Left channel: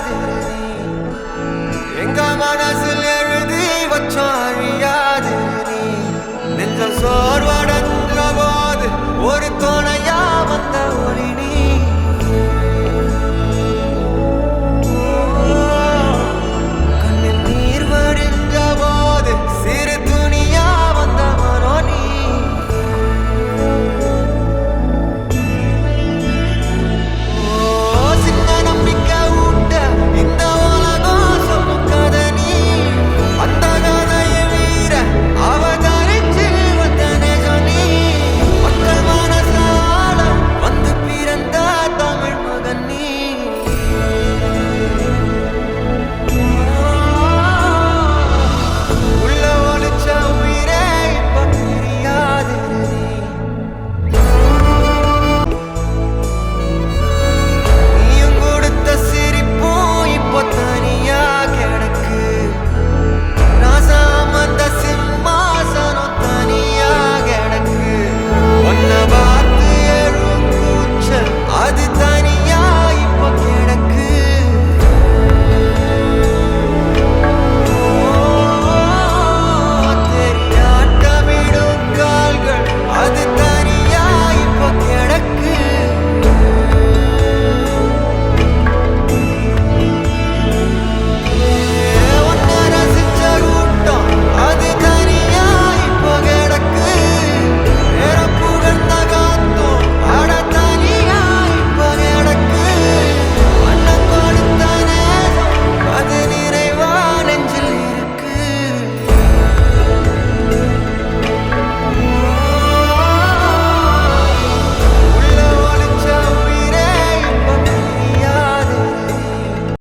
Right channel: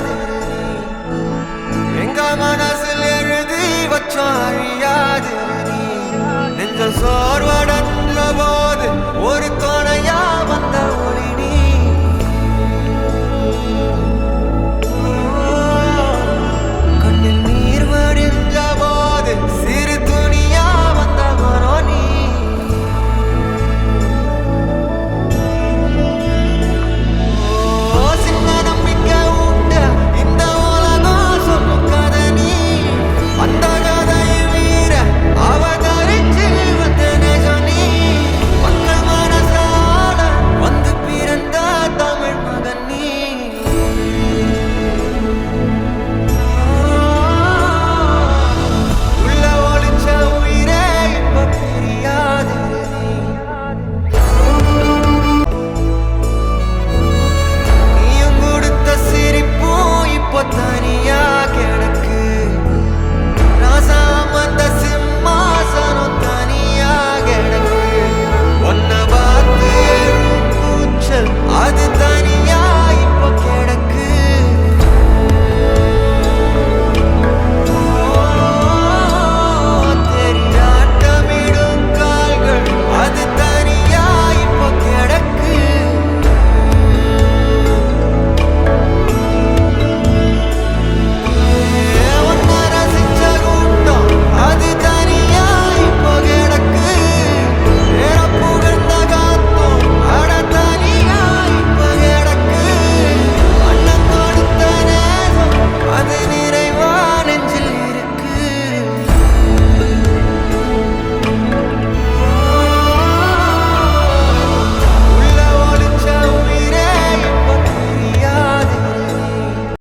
பிரியாதிரு நீ எங்க மனசில் எழுதி வச்சாழியாதிரு நீ நெஞ்ச சோர்வடைஞ்ச போது ஒரு துணையா வந்த ஒளி நீ கண்ணில் நீர் வடிஞ்ச போது சிறு துணியா வந்தவனோ நீ சின்ன நம்பிக்கை ஊட்ட இந்த உலகம் சொல்லும் கதை நீ அந்த கதையை வீர அவதரிச்சு வந்த நெஜம் நீ மக்கள் மனசால வந்து பிறந்த தமிழ் மகன் நீ உள்ள ஒளிச்ச உயிரே இப்ப பிரியாதிரு நீ நீயும் கொடுத்த சிரிப்பும் இப்போ தனியா கிடக்கு ராசாம அந்த சிம்மாசனம் தனியா கிடக்கு ஒன்ன பார்த்து எழும் கூச்சல் அது